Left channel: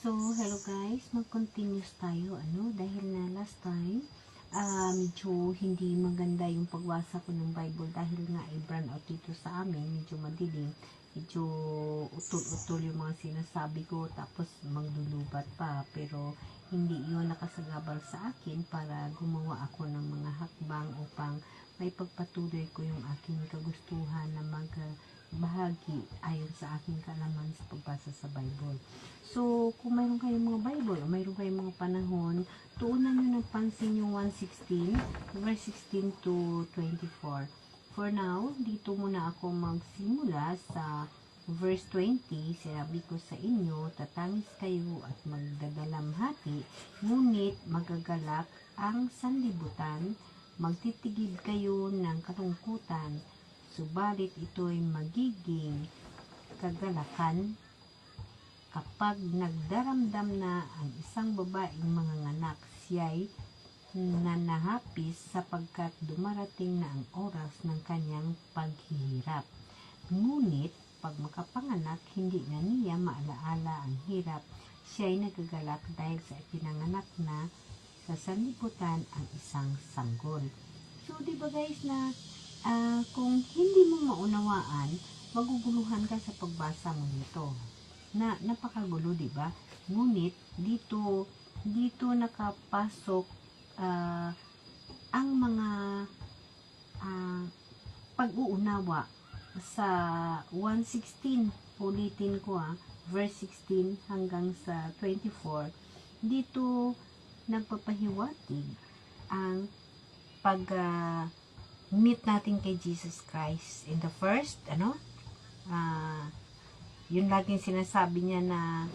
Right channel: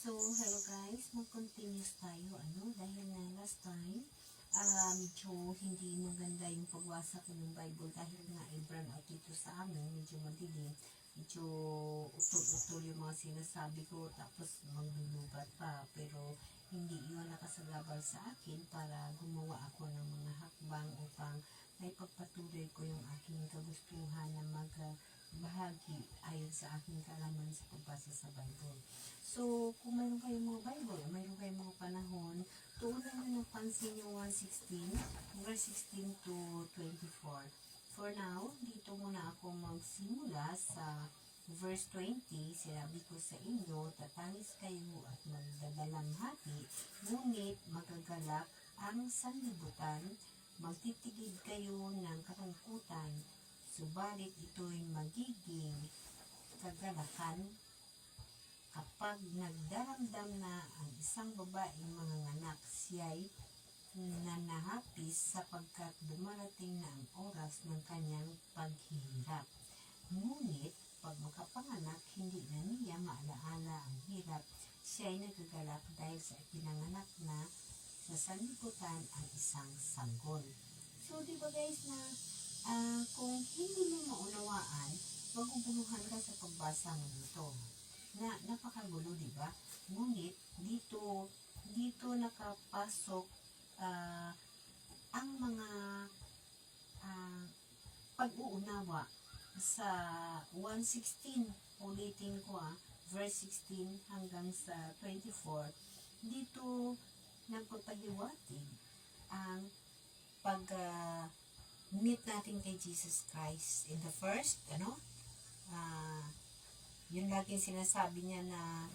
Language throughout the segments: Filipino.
So, hello guys, mag-continuous tayo, dahil na last time, medyo hindi maganda yung pagbasa ko ng Bible dahil nga i-brown out dito sa amin, medyo madilim, medyo utol-utol yung mga sinasabi ko, tapos maglulubat pa, pero hindi yun nakasagabal sa akin para gumawa ako ng mga hakbang upang may pagpatuloy ko yung aking kagustuhan na bahagi ayon sa aking kaalaman sa pagbasa sa Bible. So, kung mayroon kayong mga Bible o mayroon kayong mga panahon, tuunan nyo ng pansin yung 1:16, verse 16 to 24. For now, dito muna ako magsimula sa verse 20. Sinabi ko sa inyo, tatangis kayo at magdadalamhati, ngunit magagalak ang sanlibutan, magtitigib kayo ng kalungkutan, subalit ito'y magiging kagalakan kapag nagdaramdam na ang isang babaeng manganganak. Siya'y nanahapis sapagkat dumarating na ang oras ng kanyang paghihirap. Ngunit pag makapanganak, hindi na niya maalaala ang hirap. Siya'y nagagalak dahil sa ipinanganak na sa sanlibutan ang isang sanggol. So, di ba guys na kung hindi mo maunawaan, maguguluhan ka sa pagbasa mo nito. Na napakagulo, di ba? Ngunit dito nakapasok ang mga pag-uunawa sa 1:16. Ulitin ko verse 16 hanggang sa 24. Dito nagpapahiwatig ang meet natin kay Jesus Christ in the first, yun laging sinasabi niya na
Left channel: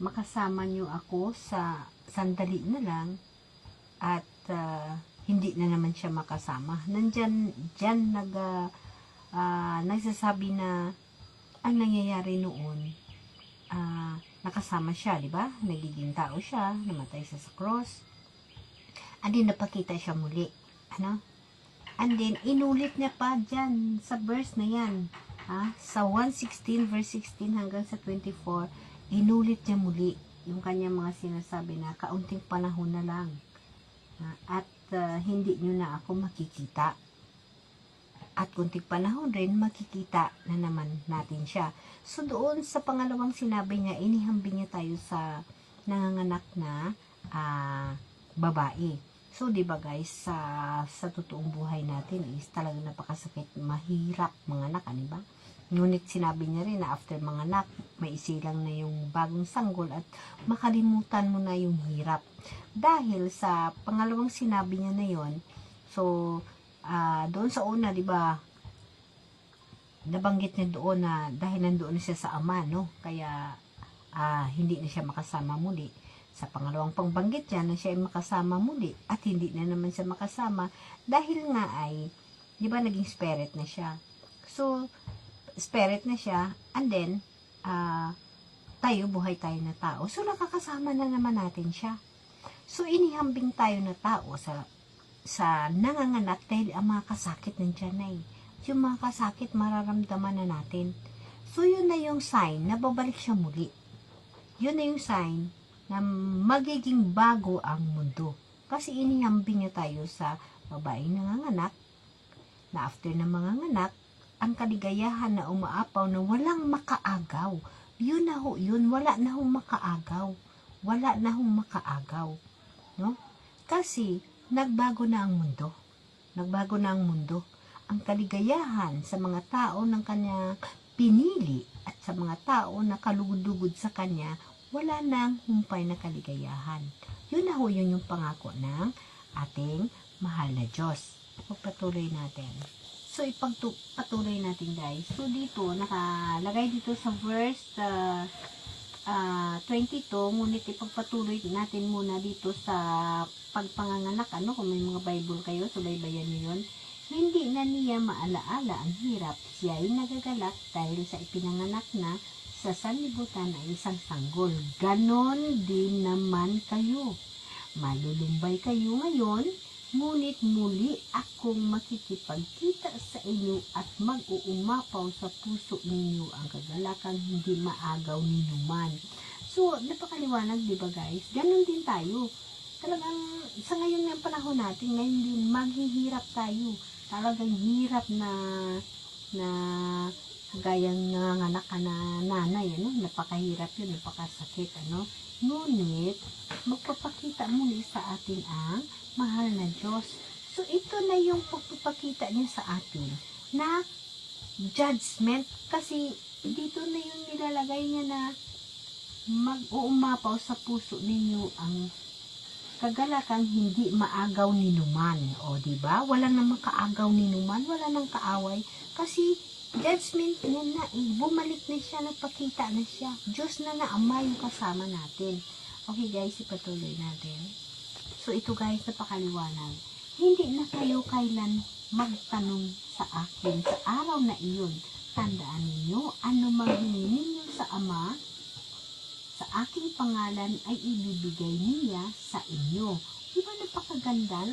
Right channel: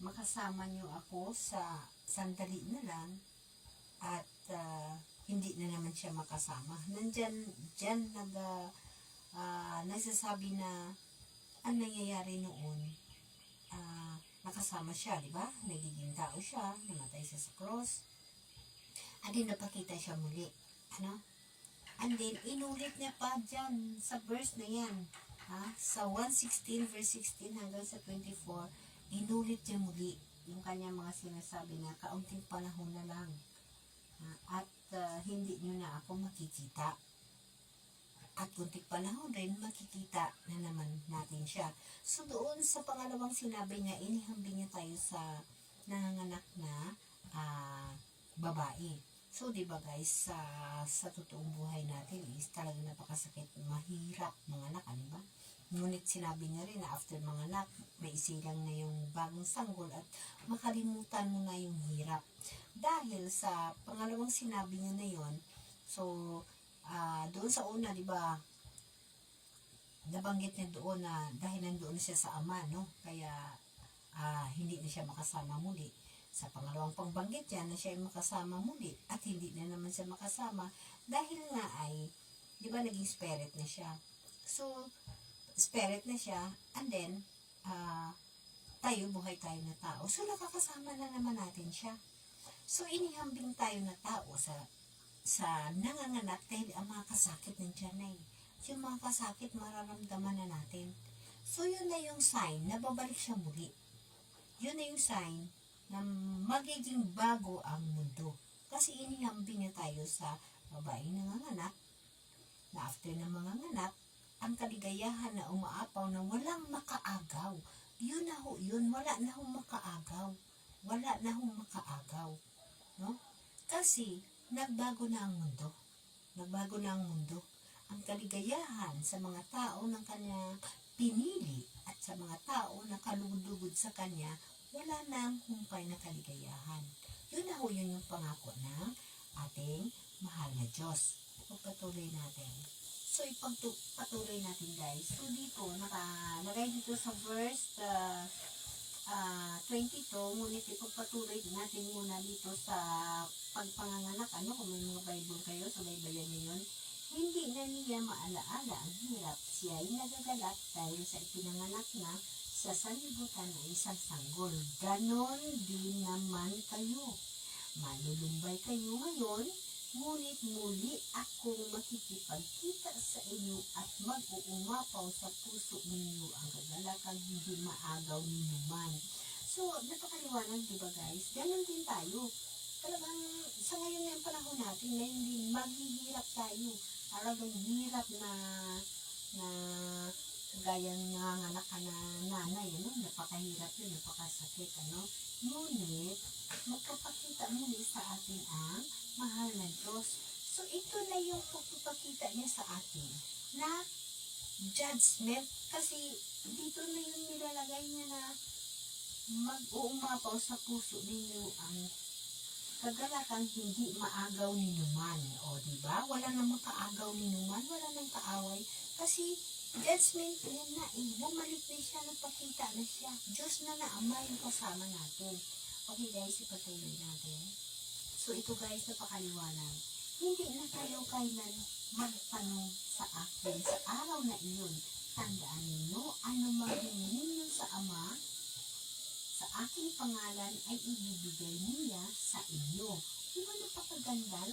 makasama niyo ako sa sandali na lang at hindi na naman siya makasama. Diyan nagsasabi na ang nangyayari noon, nakasama siya, di ba? Nagiging tao siya, namatay siya sa cross. And then napakita siya muli, And then, inulit niya pa dyan sa verse na yan. Sa 1:16, verse 16 hanggang sa 24, inulit niya muli yung kanyang mga sinasabi na kaunting panahon na lang. At hindi nyo na ako makikita. At kunting panahon rin, makikita na naman natin siya. So, doon sa pangalawang sinabi niya, inihambing niya tayo sa nanganganak na babae. So, di ba guys, sa totoong buhay natin is talagang napakasakit, mahirap manganak, di ba? Ngunit sinabi niya rin na after manganak, may isilang na yung bagong sanggol at makalimutan mo na yung hirap. Dahil sa pangalawang sinabi niya na yon, so, doon sa una, di ba, nabanggit niya doon na dahil nandoon na siya sa ama, no? Kaya, hindi na siya makasama muli. Sa pangalawang pangbanggit niya na siya ay makasama muli at hindi na naman siya makasama dahil nga ay, di ba, naging spirit na siya. So, spirit na siya and then, buhay tayo na tao. So, nakakasama na naman natin siya. So, inihambing tayo na tao sa nanganganak dahil ang mga kasakit nandiyan na yung mga kasakit mararamdaman na natin. So, yun na yung sign na babalik siya muli. Yun na yung sign na magiging bago ang mundo. Kasi inihambing niya tayo sa babaeng nanganganak na after na manganganak, ang kaligayahan na umaapaw na walang makaagaw. Yun na ho, yun, wala na hong makaagaw. Wala na hong makaagaw. No? Kasi nagbago na ang mundo. Nagbago na ang mundo. Ang kaligayahan sa mga tao ng kanya pinili at sa mga tao na kalugod-lugod sa kanya, wala nang humpay na kaligayahan. Yun na ho, yun yung pangako ng ating mahal na Diyos. Pagpatuloy natin. So, ipagpatuloy natin guys. So, dito, nakalagay dito sa verse 22, ngunit ipagpatuloy natin muna dito sa pagpanganganak. Kung may mga Bible kayo, so baybayan nyo yun. Hindi na niya maalaala ang hirap. Siya ay nagagalak dahil sa ipinanganak na sa sanlibutan ay isang sanggol. Ganon din naman kayo. Malulumbay kayo ngayon, ngunit muli akong makikipagkita sa inyo at mag-uumapaw sa puso ninyo ang kagalakang hindi maagaw ninyo man. So, napakaliwanag, di ba guys? Ganon din tayo. Talagang, sa ngayon ng panahon natin, ngayon din, maghihirap tayo. Talagang hirap na gayang nanganganak ka na nanay, ano? Napakahirap yun, napakasakit, ano? Ngunit, magpapakita muli sa atin ang mahal na Diyos. So, ito na yung pagpapakita niya sa atin na judgment. Kasi, dito na yung nilalagay niya na mag-uumapaw sa puso ninyo ang kagalakang hindi maagaw ni numan. O, diba? Wala namang kaagaw ni numan, wala nang kaaway. Kasi, judgment niya na bumalik na siya, nagpakita na siya. Diyos na Ama yung kasama natin. Okay guys, ipatuloy natin. So, ito guys, napakaliwanag. Hindi na kayo kailan magtanong sa akin sa araw na iyon. Tandaan ninyo, ano manghingi ninyo sa Ama, sa aking pangalan ay ibibigay niya sa inyo. Diba napakaganda?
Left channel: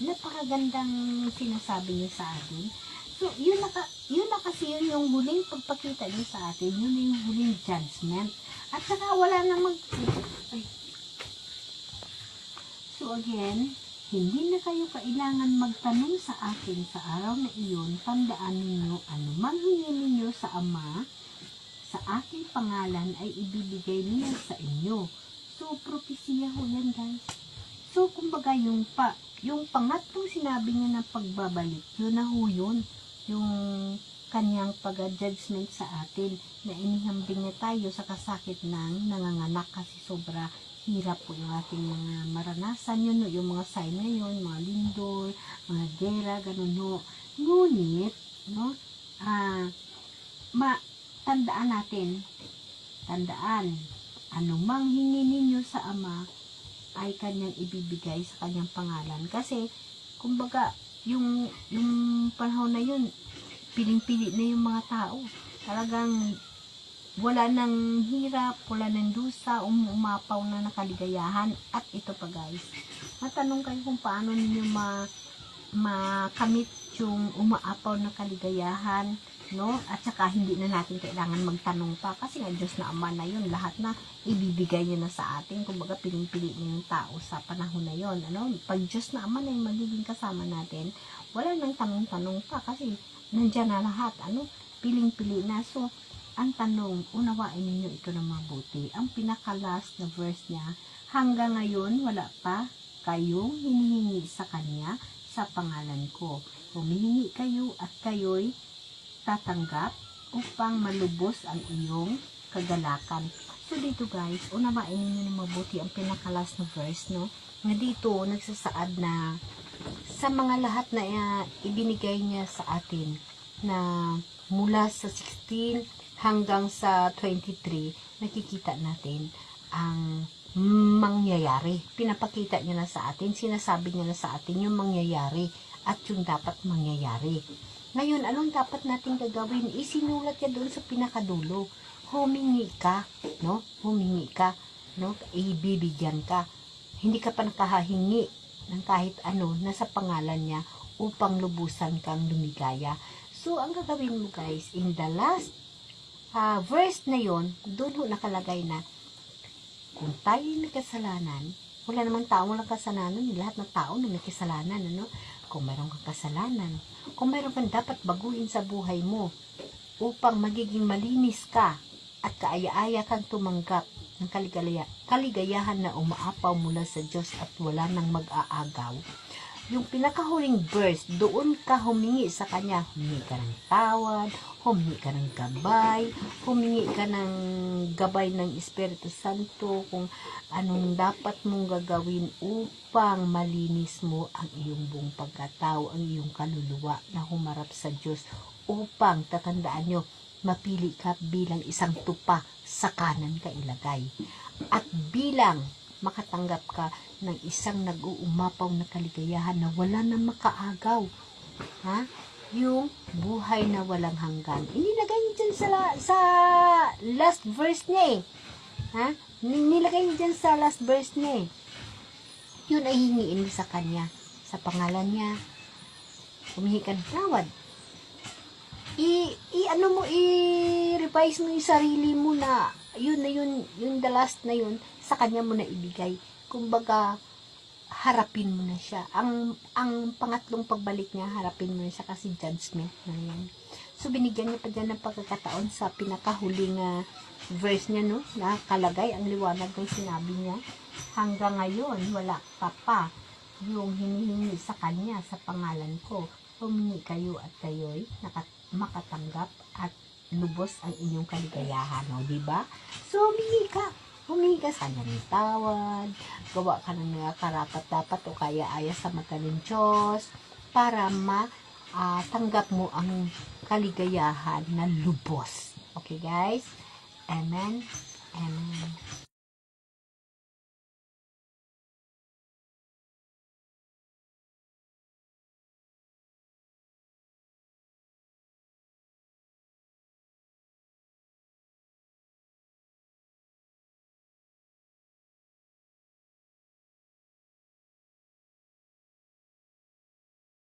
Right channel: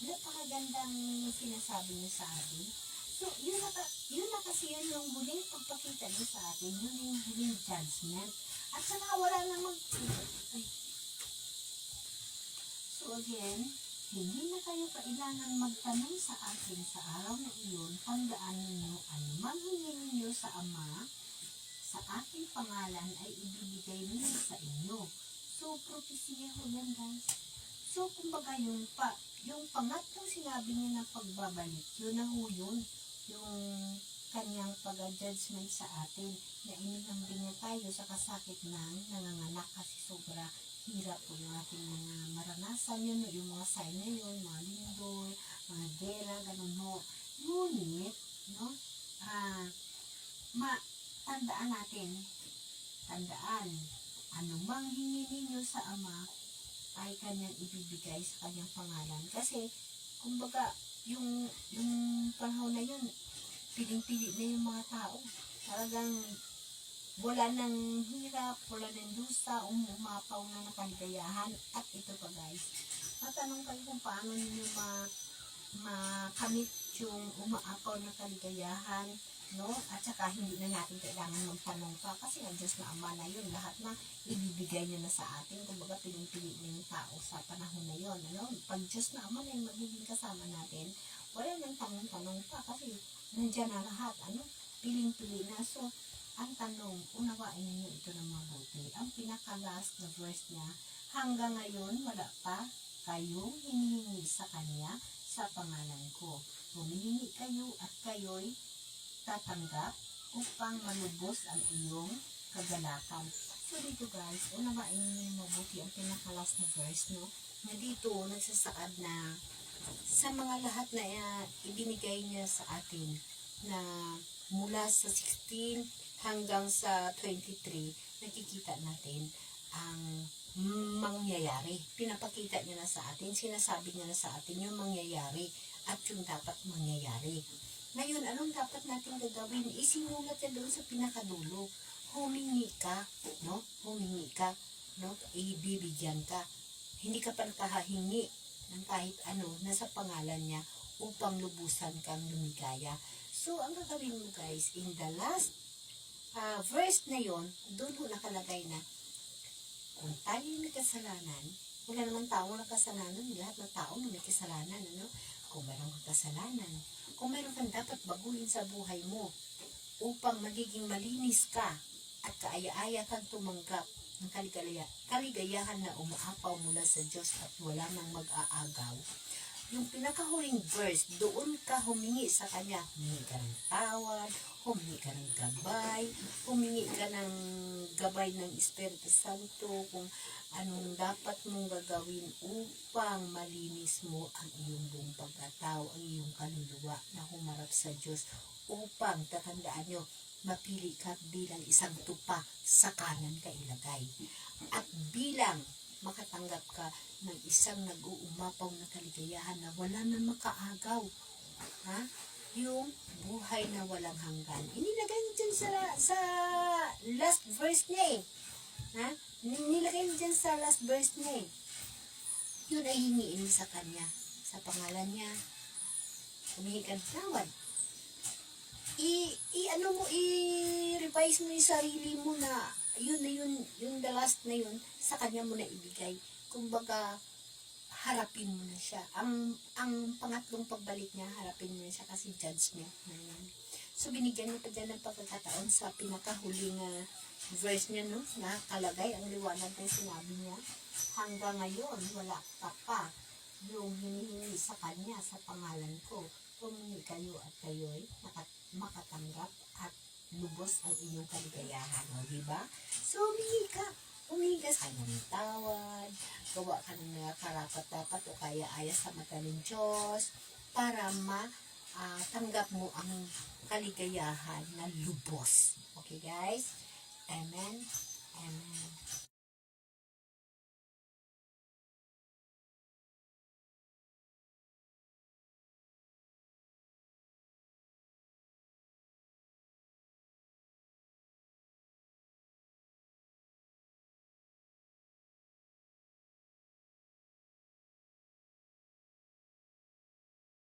Napakagandang sinasabi niya sa atin. So, yun na kasi yun yung huling pagpakita niya sa atin. Yun na yung huling judgment. At saka wala na So, again, hindi na kayo kailangan magtanong sa akin sa araw na iyon. Tandaan ninyo, ano manghingi ninyo sa Ama, sa aking pangalan ay ibibigay niya sa inyo. So, propesya ho yan guys. So, kumbaga yung pangatlong sinabi niya ng pagbabalik, yun na ho yun. Yung kanyang pag-judgment sa atin na inihambing na tayo sa kasakit ng nanganganak kasi sobra hirap po yung ating mga maranasan yun, yung mga sign na yun, mga lindol, mga gera, ganun ho. Ngunit, no, tandaan natin, anumang hingi ninyo sa Ama ay kanyang ibibigay sa kanyang pangalan. Kasi, kumbaga, yung panahon na yun, piling-pili na yung mga tao. Talagang wala nang hirap, wala nang dusa, umapaw na nakaligayahan. At ito pa guys, matanong kayo kung paano ninyo makamit yung umaapaw na kaligayahan, no? At saka hindi na natin kailangan magtanong pa kasi nga Diyos na Ama na yun, lahat na ibibigay niya na sa atin. Kumbaga piling-pili na yung tao sa panahon na yun, ano? Pag Diyos na Ama na yung magiging kasama natin, wala nang tanong-tanong pa kasi nandyan na lahat, ano? Piling-pili na. So, ang tanong, unawain ninyo ito na mabuti. Ang pinaka-last na verse niya, hanggang ngayon wala pa kayong hinihingi sa Kanya sa pangalan ko. Humihingi kayo at kayo'y tatanggap upang malubos ang iyong kagalakan. So dito guys, unawain ninyo na mabuti ang pinaka-last na verse, no? Na dito, nagsasaad na sa mga lahat na ibinigay niya sa atin na mula sa 16 hanggang sa 23, nakikita natin ang mangyayari. Pinapakita niya na sa atin, sinasabi niya na sa atin yung mangyayari at yung dapat mangyayari. Ngayon, anong dapat natin gagawin? Isinulat niya doon sa pinakadulo. Humingi ka, no? Humingi ka, no? Ibibigyan ka. Hindi ka pa nakahingi ng kahit ano na sa pangalan niya upang lubusan kang lumigaya. So, ang gagawin mo guys, in the last verse na yon, doon ho nakalagay na kung tayo'y may kasalanan, wala naman tao walang kasalanan, lahat ng tao na may kasalanan, ano? Kung mayroon kang kasalanan, kung mayroon kang dapat baguhin sa buhay mo upang magiging malinis ka at kaaya-aya kang tumanggap ng kaligayahan na umaapaw mula sa Diyos at wala nang mag-aagaw. Yung pinakahuling verse, doon ka humingi sa Kanya. Humingi ka ng tawad, humingi ka ng gabay, humingi ka ng gabay ng Espiritu Santo kung anong dapat mong gagawin upang malinis mo ang iyong buong pagkatao, ang iyong kaluluwa na humarap sa Diyos upang, tatandaan nyo, mapili ka bilang isang tupa sa kanan ka ilagay. At bilang makatanggap ka ng isang nag-uumapaw na kaligayahan na wala na makaagaw. Ha? Yung buhay na walang hanggan. Inilagay niya dyan sa last verse niya eh. Ha? Nilagay niya dyan sa last verse niya eh. Yun ay hingiin mo sa Kanya. Sa pangalan niya. Humihi ka ng tawad. I-revise mo yung sarili mo na yun na yun, yung the last na yun, sa kanya mo na ibigay. Kumbaga, harapin mo na siya. Ang pangatlong pagbalik niya, harapin mo na siya kasi judgment na yan. So, binigyan niya pa dyan ng pagkakataon sa pinakahuling verse niya, no? Nakalagay ang liwanag ng sinabi niya. Hanggang ngayon, wala ka pa yung hinihingi sa kanya sa pangalan ko. Humingi kayo at kayo'y makatanggap at lubos ang inyong kaligayahan. O, diba? So, humingi ka sa kanya ng tawad, gawa ka ng mga karapat-dapat o kaya-aya sa mata ng Diyos para tanggap mo ang kaligayahan na lubos. Okay, guys? Amen? Amen.